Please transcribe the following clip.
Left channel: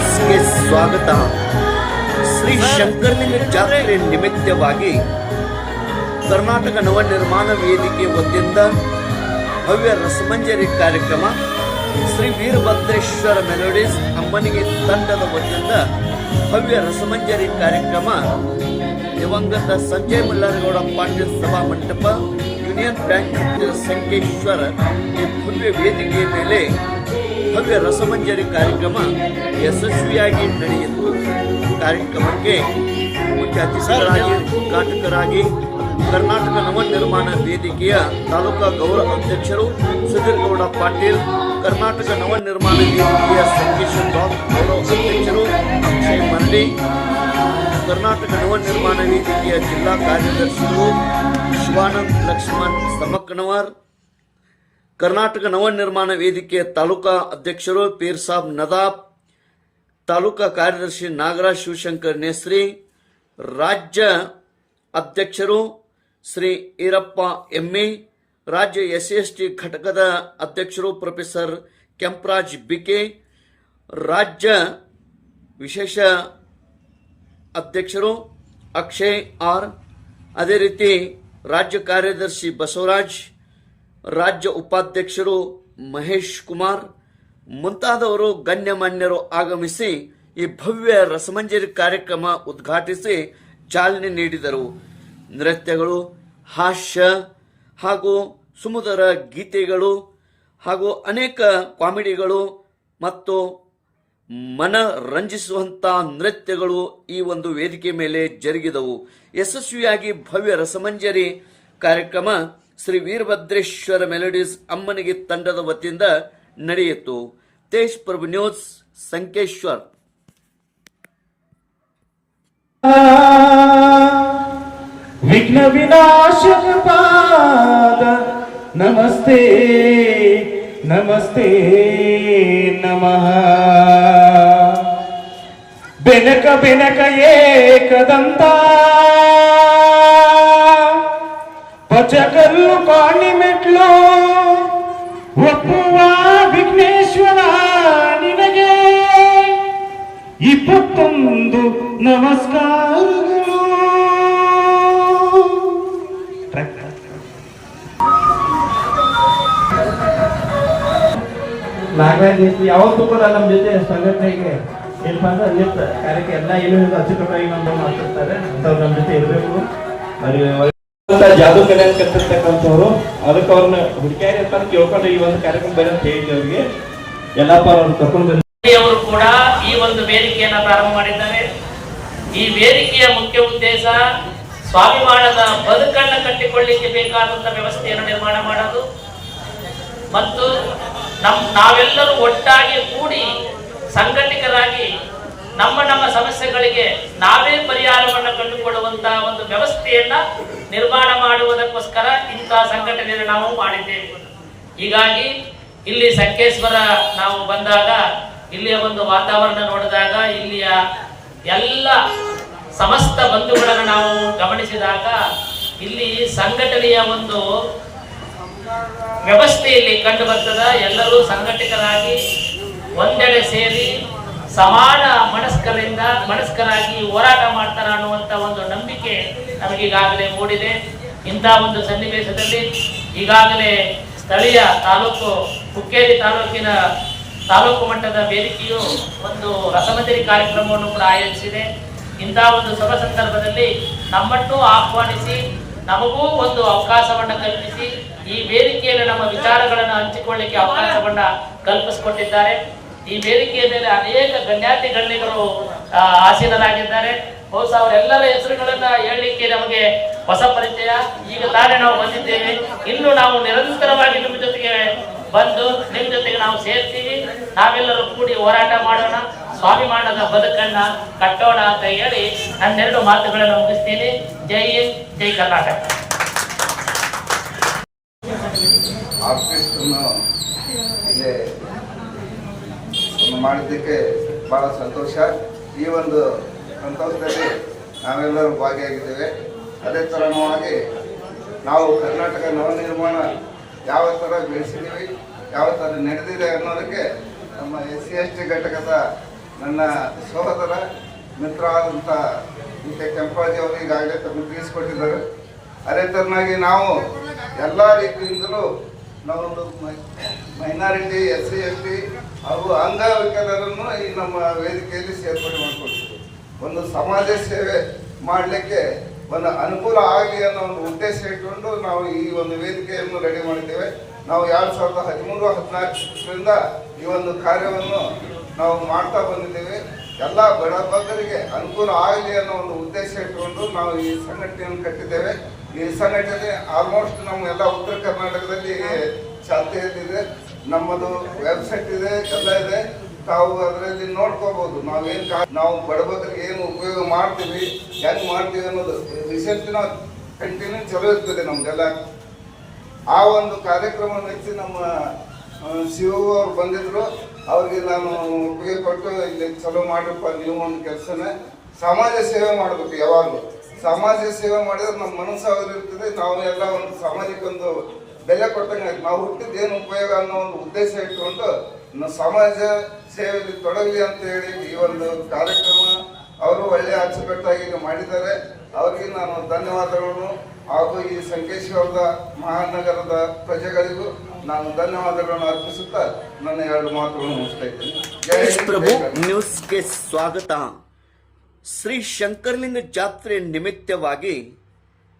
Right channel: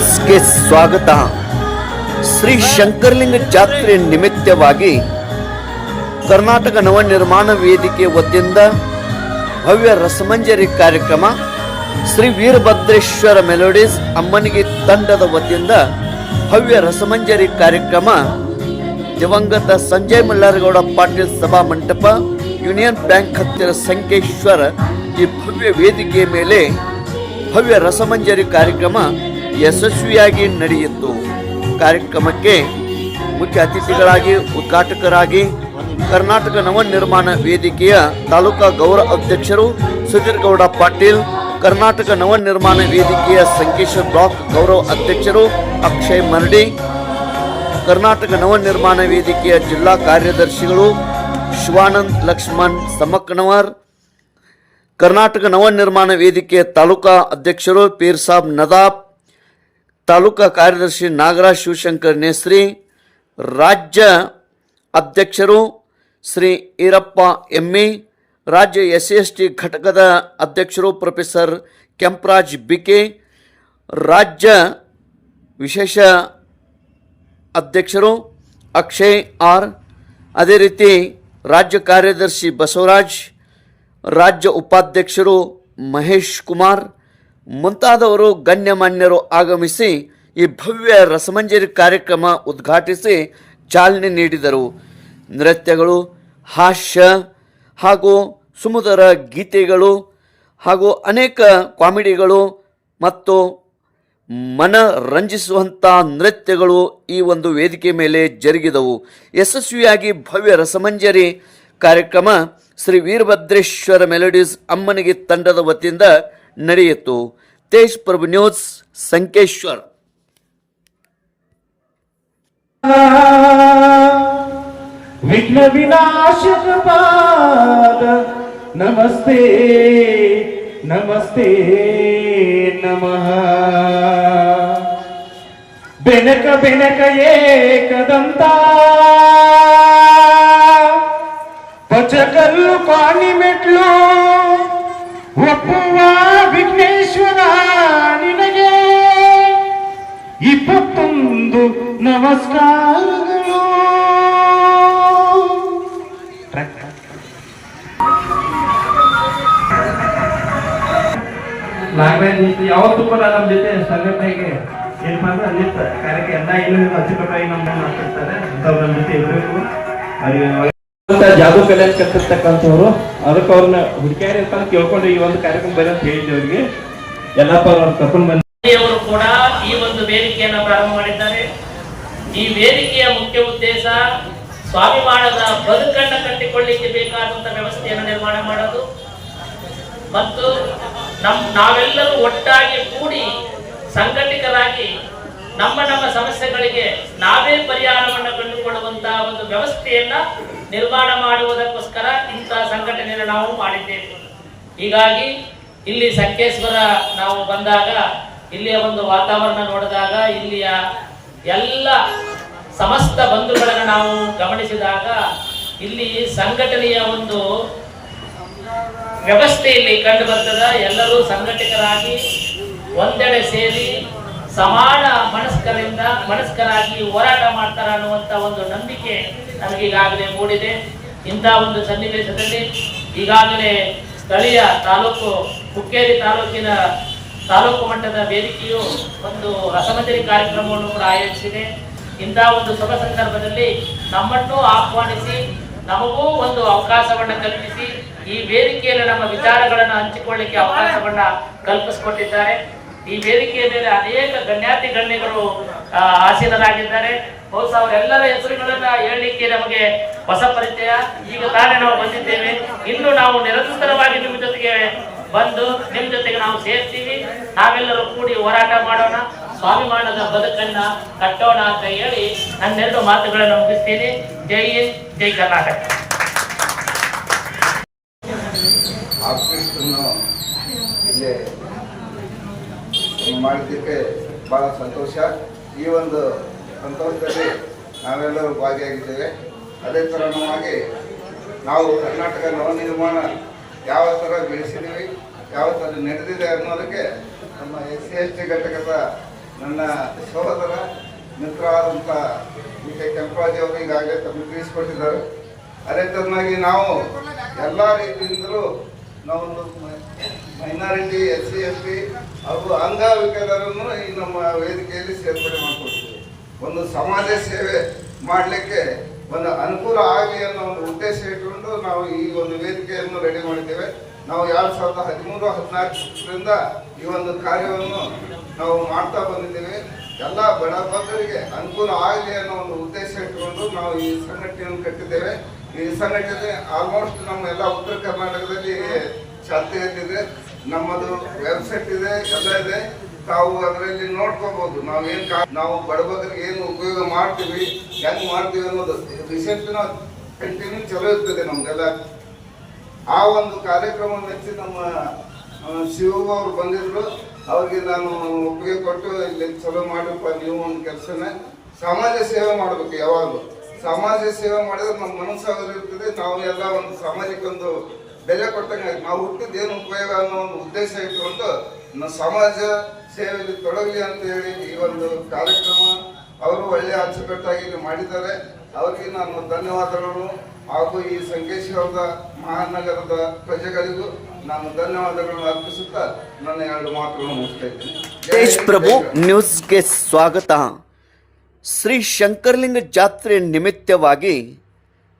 ನ್ಯೂಸ್ಗೆ ಸ್ವಾಗತ. ಶ್ರೀ ಶಂಕರಲಿಂಗ ಜಾತ್ರೆ ನಿಮಿತ್ತವಾಗಿ ಕರ್ನಾಟಕ ನವನಿರ್ಮಾಣ ವೇದಿಕೆ ವತಿಯಿಂದ ಭವ್ಯ ರಸಮಂಜರಿ ಕಾರ್ಯಕ್ರಮ, ಶ್ರೀ ವೀರಭದ್ರೇಶ್ವರ ಮೆಲೋಡೀಸ್ ಅಮ್ಮನಿಗೆ ತಂಡದ ವತಿಯಿಂದ ಭವ್ಯ ರಸಮಂಜರಿ ಕಾರ್ಯಕ್ರಮ ದಿವಂಗತ ಸಂಜಯ್ ಮಲ್ಲಾರಗೌಡ ಪಾಟೀಲ್ ಸಭಾ ಮಂಟಪ, ಯೂನಿಯನ್ ಬ್ಯಾಂಕ್ ಹತ್ತಿರ ಸಂಕೇಶ್ವರ ಈ ಭವ್ಯ ವೇದಿಕೆಯ ಮೇಲೆ ಭವ್ಯ ರಸಮಂಜರಿ ಕಾರ್ಯಕ್ರಮ ಯಶಸ್ವಿಯಾಗಿ ನಡೆಯಿತು. ಕಾರ್ಯಕ್ರಮಕ್ಕೆ ಮುಖ್ಯ ಅತಿಥಿಗಳಾಗಿ ಉದ್ಘಾಟಕರಾಗಿ ಕರ್ನಾಟಕ ನವನಿರ್ಮಾಣ ವೇದಿಕೆಯ ತಾಲೂಕಾ ಗೌರವ ಅಧ್ಯಕ್ಷರು ಸುಧೀರ್ ಗೌಡ ಪಾಟೀಲ್, ಕರ್ನಾಟಕ ನವನಿರ್ಮಾಣ ವೇದಿಕೆಯ ಸಂಕೇಶ್ವರ ಬ್ಲಾಕ್ ಗೌರವ ಅಧ್ಯಕ್ಷರು ಅಕ್ಷಯ್ ಮರಡಿ, ಕರ್ನಾಟಕ ನವನಿರ್ಮಾಣ ವೇದಿಕೆಯ ಜಿಲ್ಲಾ ಕಾರ್ಯದರ್ಶಿಗಳು ಶಿವಾನಂದ್ ಲಕ್ಷ್ಮಣ್ ಸಮಕ್ನವರ್, ಕರ್ನಾಟಕ ನವನಿರ್ಮಾಣ ವೇದಿಕೆಯ ತಾಲೂಕಾ ಅಧ್ಯಕ್ಷರು ಪೀರ್ ಸಾಬ್ ನದಾಬ್, ತಾಲೂಕಾ ಕಾರ್ಯದರ್ಶಿ ನಾಗರಾಜ್ ಶಿವಶಂಕರ್ ನೇಸ್ರಿ, ರಾಜ್ಯ ಅಧ್ಯಕ್ಷರು ಶ್ರೀ ಈರಪ್ಪ ಎಮ್ಮಿ, ರಾಜ್ಯ SC/ST ಘಟಕದ ಅಧ್ಯಕ್ಷರು ಪ್ರೊಫೆಸರ್ ಕೆಂಪರಾಜ್ ಬಿಕೆ, ರಾಜ್ಯ ವಿಶೇಷ ಅಧ್ಯಕ್ಷರು ಅಕ್ಷಯ್ ಆರ್, ಅದೇ ರೀತಿ ರಾಜ್ಯ ಕಾರ್ಯದರ್ಶಿ ಬಸವರಾಜ್, ರಾಜ್ಯ ಉಪಾಧ್ಯಕ್ಷರು ಮಹೇಶ್ ಕುಮಾರ್ ಮುಂತಾದವರು ಗಣ್ಯಮಾನ್ಯರು ಆಗಮಿಸಿ ಈ ಭವ್ಯ ರಸಮಂಜರಿ ಕಾರ್ಯಕ್ರಮ ಉದ್ಘಾಟಿಸಿ ಚಾಲನೆ ನೀಡಿದರು. ನೃತ್ಯಗಳು, ಹಾಸ್ಯ ಹಾಗೂ ಸುಮಧುರ ಗೀತೆಗಳು ಹಾಗೂ ಅನೇಕ ಕಾಮಿಡಿಗಳು ಮತ್ತು ಮನರಂಜಿಸುವಂಥ ನೃತ್ಯಗಳು ಈ ಒಂದು ವೇದಿಕೆ ಮೇಲೆ ಜರುಗಿದವು. ಯಶಸ್ವಿಯಾಗಿ ಭವ್ಯ ರಸಮಂಜರಿ ಕಾರ್ಯಕ್ರಮ ಶ್ರೀ ವೀರಭದ್ರೇಶ್ವರ ಮೆಲೋಡೀಸ್ ಅಮ್ಮನಿಗೆ ತಂಡದ ವತಿಯಿಂದ ನಡೆಯಿತು. ತೇಜ್ ಪ್ರಭು ನ್ಯೂಸ್, ಸಂಕೇಶ್ವರ್. ವಿಘ್ನ ವಿನಾಶಕ ಪಾದ ನಮಸ್ತೆ ನಮಸ್ತೆ ನಮಃ. ಬೆನಕ ಬೆನಕ ಏಕದಂತ ಪಚಕಲ್ಲು ಕಾಣಿ ಮೆಟ್ಲು ಒಪ್ಪುವ ವಿಘ್ನೇಶ್ವರ ನಿನಗೆ 21 ನಮಸ್ಕಾರಗಳು. ಯಾವತ್ತೂ ಕೂಡ ನಮ್ಮ ಜೊತೆ ಸಂಘಟನೆಗೆ ಏನಪ್ಪ ಅಂದ್ರೆ ನಿಂತ ಕಾರ್ಯಕ್ಕೆ ಎಲ್ಲ ಇಲ್ಲದ ಅಚ್ಚುಕಟ್ಟಾಗಿ ನಮ್ಮ ಮಾಡ್ತಿರ್ತಾರೆ. ಅಂತವ್ರು ನಮ್ಮ ಜೊತೆ ಇರಬೇಕು. ಜಾದೂ ಕಲೆ ಕಟ್ಟಿರ್ತಕ್ಕಂಥವ್ರು ಅದಕ್ಕೆ ಅವ್ರನ್ನ ಹುಡುಕಿಯಾರಿ ಅಂತ ಕೇಳ್ಕೊಂಡು ಈ ಒಂದು ಕಾರ್ಯಕ್ರಮ ಬೇರೆ ಅಂತ ಹೇಳಿದ್ದೆ ಅವರಿಗೆ. ಎಲ್ಲಪ್ಪ ಅವ್ರನ್ನ ಕರ್ಕೊಂಡು ಬಂದು ಅವರು ಕೂಡ ಈ ಒಂದು ವೇದಿಕೆಯನ್ನ ಪ್ರಾರಂಭ ಮಾಡಿದ್ದಾರೆ. ಈ ವೇದಿಕೆಯ ಮುಖ್ಯ ಉದ್ದೇಶ ಸ್ವಾಭಿಮಾನದ ಬದುಕನ್ನು ಕಟ್ಟಿಕೊಳ್ಳಿಕ್ಕೆ ಬೇಕಾದಂತಹ ವ್ಯವಸ್ಥೆಯನ್ನು ನಿರ್ಮಾಣ ಮಾಡೋದು ಮತ್ತು ನಾವೆಲ್ಲರೂ ಒಟ್ಟಾಗಿ ಕೂಡಿ ಸಂಘಟಿತರಾಗಿ ನಮ್ಮ ಸಮಸ್ಯೆಗಳಿಗೆ ನಾವೇ ಪರಿಹಾರವನ್ನು ಕಂಡುಕೊಳ್ಳುವಂತಹ ಒಂದು ವ್ಯವಸ್ಥೆಯನ್ನ ನಿರ್ಮಾಣ ಮಾಡುವುದಕ್ಕೋಸ್ಕರ ಇಂತಹ ಸಂಘಟನೆಯನ್ನು ನಾವು ಮಾಡಿದ್ದೇವೆ. ಹೀಗಾಗಿ ಇಲ್ಲಿ ಸಂಕೇಶ್ವರ ನಾವು ಬಂದಾಗ ಇಲ್ಲಿಯ ಒಂದು ವಾತಾವರಣ ನೋಡಿದಾಗ ಇಲ್ಲಿಯ ಎಲ್ಲ ಸಮಸ್ತ ಬಂಧುಗಳನ್ನು ನಾವು ಗಮನಿಸಿದಾಗ ಇಲ್ಲಿ ಸಂಘಟನೆಯ ಒಂದು ವ್ಯವಸ್ಥೆಯಲ್ಲಿ ಕಂಡು ಬರ್ತದ. ಎಲ್ಲರೂ ಸಂಘಟಿತರಾಗಿ ಒಂದೆಡೆ ಸೇರಿ ಸಮಾನ ಮನಸ್ಕರಾಗಿ ಹೋರಾಟ ಮಾಡ್ತಾರ ಅನ್ನುವಂತ ಒಂದು ನಂಬಿಕೆ ನಮಗೀಗಾಗಲೇ ಮೂಡಿದೆ. ಇಂತಹ ಒಂದು ಸನ್ನಿವೇಶದಲ್ಲಿ ಈಗಾಗಲೇ ಸ್ಥಳೀಯ ತಾಲೂಕು ಹುಕ್ಕೇರಿ ತಾಲೂಕಿನ ತಾಲೂಕು ಮಟ್ಟದ ವೇದಿಕೆಯು ಒಂದು ರಸಮಂಜರಿ ಕಾರ್ಯಕ್ರಮವನ್ನು ಕೂಡ ಆಯೋಜಿಸಿದೆ. ಇಂತಹ ಒಂದು ಶುಭ ಸಂದರ್ಭದಲ್ಲಿ ನಮ್ಮನ್ನು ಆಹ್ವಾನಿಸಿ ನಮಗೂ ಒಂದು ಅವಕಾಶವನ್ನ ಕಲ್ಪಿಸಿ ಈ ವೇದಿಕೆಯಲ್ಲಿ ನಮ್ಮ ವಿಚಾರಗಳನ್ನು ಹಂಚಿಕೊಳ್ಳಿಕ್ಕೆ ಅವಕಾಶವನ್ನ ಕಲ್ಪಿಸಿಕೊಟ್ಟಿದ್ದಾರೆ. ಈ ವೇದಿಕೆಯ ಮೇಲೆ ಅನೇಕ ಗಣ್ಯಾತಿ ಗಣ್ಯರು ಆಸೀನರಾಗಿದ್ದಾರೆ. ಬಹುಶಃ ಅವರೆಲ್ಲರ ಹೆಸರುಗಳನ್ನ ಹೇಳಲಿಕ್ಕೆ ನಮಗೆ ಹೊಸ ಪರಿಚಯ. ಈಗ ತಾನೇ ನಾವು ಬಂದಿದ್ದೇವೆ. ಇನ್ನು ನಾವು ನಿರಂತರವಾಗಿ ನಿಮ್ಮ ಜೊತೆಗೆ ಬಂದು ನಿಮ್ಮ ಜೊತೆಗೆ ನಾವು ಸೇರ್ತೀವಿ. ನಾವೆಲ್ಲರೂ ಕೂಡಿ ಹೋರಾಟ ಮಾಡೋಣ, ಸ್ವಾಭಿಮಾನದ ಬದುಕನ್ನ ಕಟ್ಟೋಣ ಅಂತ ಹೇಳಿ ನನ್ನೆರಡು ಮಾತುಗಳನ್ನು ಮುಗಿಸ್ತೀನಿ. ಜೈ ಹಿಂದ್, ಜೈ ಕರ್ನಾಟಕ. ಮಾಡಿದ್ದಕ್ಕೆ ಬಹಳ ಸಂತೋಷ. ಈ ಒಂದು ಸಂತೋಷದಲ್ಲಿ ನಾವೆಲ್ಲರೂ ಭಾಗಿಯಾಗಿದ್ದೇವೆ. ಅದೇ ತರಹವಾಗಿ ನಾವು ಕರ್ನಾಟಕ ನವನಿರ್ಮಾಣ ಯಾವ ಥರ ಬೆಳೆಸಿದ್ದೀವಿ, ಯಾವ ಥರ ನಡೆದಿದೆ ಅನ್ನೋದಕ್ಕೆ ನಮ್ಮ SC/ST ಘಟಕದ ನನ್ನ ಸಹೋದರ ಮಿತ್ರ ಆದಂಥ ಡಿ ಕೆ ಕೆಂಪರಾಜ್ ಅವರು ಈಗಾಗಲೇ ತಮಗೆ ತಿಳಿಸಿಕೊಟ್ಟಿದ್ದಾರೆ. ಅದೇ ತರನಾಗಿ ನಾವು ಎಲ್ಲ ರೀತಿಯಿಂದಲೂ ನಾವೊಂದು ಮೈನಾರಿಟಿ, SC, ST ಹಾಗೂ ಅಂಗವಿಕಲರನ್ನು ಈ ನಮ್ಮ ವೇದಿಕೆಯಲ್ಲಿ ಸೇರ್ಪಡೆ ಮಾಡಿಕೊಳ್ತೀವಿ. ಒಂದು ಸಮಾಜ ಸೇವೆ ಮಾಡಲಿಕ್ಕೆ ಒಂದು ಅನುಕೂಲ ಆಗಲಿ ಅನ್ನೋ ಒಂದು ಉದ್ದೇಶ ಇಟ್ಕೊಂಡು ನಾವು ಈ ಒಂದು ವೇದಿಕೆಯನ್ನು ರೆಡಿ ಮಾಡಿದ್ದೇವೆ. ನಾವು 2013-14ರಿಂದ ಈ ಒಂದು ಕಾರ್ಯವನ್ನು ನಾವು ಮಾಡ್ತಾ ಬಂದಿದ್ದೇವೆ. ಎಲ್ಲ ಬಡಬಗ್ಗರಿಗೆ ಅನುಕೂಲ ಆಗಲಿ ಅನ್ನೋ ಒಂದು ಉದ್ದೇಶ ಇಟ್ಟುಕೊಂಡು ನಾವು ಈ ಸಂಘಟನೆಯನ್ನು ಕಟ್ಟಿದ್ದೇವೆ. ಈ ಸಂಘಟನೆ ಆಲ್ಮೋಸ್ಟ್ ನಮ್ಮ ಎಲ್ಲ ಉತ್ತರ ಕರ್ನಾಟಕದಲ್ಲಿ ಚಾಲ್ತಿಯಲ್ಲಿದೆ. ನಮ್ಮದು ವೆಬ್ಸೈಟ್ ಇದೆ, ಎಲ್ಲ ಇದೆ. ತಾವು ಅದರಲ್ಲಿ ನೋಡ್ಕೋಬಹುದು. ನಾವು ಬಡಬಗ್ಗರಿಗೆ ಏನು ಉಪಯೋಗ ಮಾಡ್ತೀವಿ, ಹೆಂಗ್ ಮಾಡ್ತೀವಿ ಅನ್ನೋದು ರಿಸೆಂಟ್ ಕಂಟಿನ್ಯೂ ಚಲೋ ಇರ್ತದೆ ನಮ್ಗೆಲ್ಲ. ಆ ಒಂದು ಕಾರ್ಯಕ್ರಮ ಮೆಚ್ಚಿ ನಮ್ಮ ಶಿವ ಅವರು ಬಂದಿದ್ರು. ಅವ್ರಿಗೆ ನಾನು ಒಪ್ಪಿಗೆ ಕೊಟ್ಟು ಇಲ್ಲಿ ಚಲೋ ಮಾಡಪ್ಪ, ನೀವು ಒಂದು ಕೆಲಸನ ಸಮಾಜ ಸೇವೆ ಮಾಡಬೇಕು. ಯಾವಾಗಲೂ ಸಮಾಜ ಸೇವೆ ಮಾಡಿದ್ರೆ ನಮ್ಮ ಮನಸ್ಸಾದ್ರು ಇರ್ತದೆ. ನಾವು ಎಲ್ಲ ಒಂದು ಸಾಮಾಜಿಕ ಒಂದು ಬೆಲೆ ಕೊಟ್ಟಂಗೆ ನಾವು ಹುಟ್ಟಿದ ಏನು ಉಪಯೋಗ ಅನ್ನೋ ಒಂದು ಉದ್ದೇಶ ಇಟ್ಟುಕೊಂಡು ನಾವು ಸಮಾಜ ಸೇವೆಯಲ್ಲಿ ತೊಡಗಲಿ ಅಂತ ಹೇಳಿ ಈ ಒಂದು ಕಾರ್ಯಕ್ರಮ ಅವರು ಒಳ್ಳೆಯ ಅಚ್ಚುಕಟ್ಟಾಗಿ ಮಾಡಿದ್ದಾರೆ. ಅವರಿಗೆ ನಾನು ಧನ್ಯವಾದಗಳನ್ನು ಹಾಗೂ ಈ ಸಂಕೇಶ್ವರದ ಮಹಾನಗರದ ಪ್ರಜೆಗಳಿಗೂ ನಾನು ಧನ್ಯವಾದಗಳನ್ನು ಅರ್ಪಿಸುತ್ತಾ ನನ್ನ 2 ಮಾತುಗಳನ್ನು ಮುಗಿಸ್ತಾ ಇದ್ದೇನೆ. ದೇಶ್ ಪ್ರಭು ನ್ಯೂಸ್ಗೆ ಸ್ವಾಗತ. ಶ್ರೀ ಶಂಕರಲಿಂಗ ಜಾತ್ರೆ ನಿಮಿತ್ತವಾಗಿ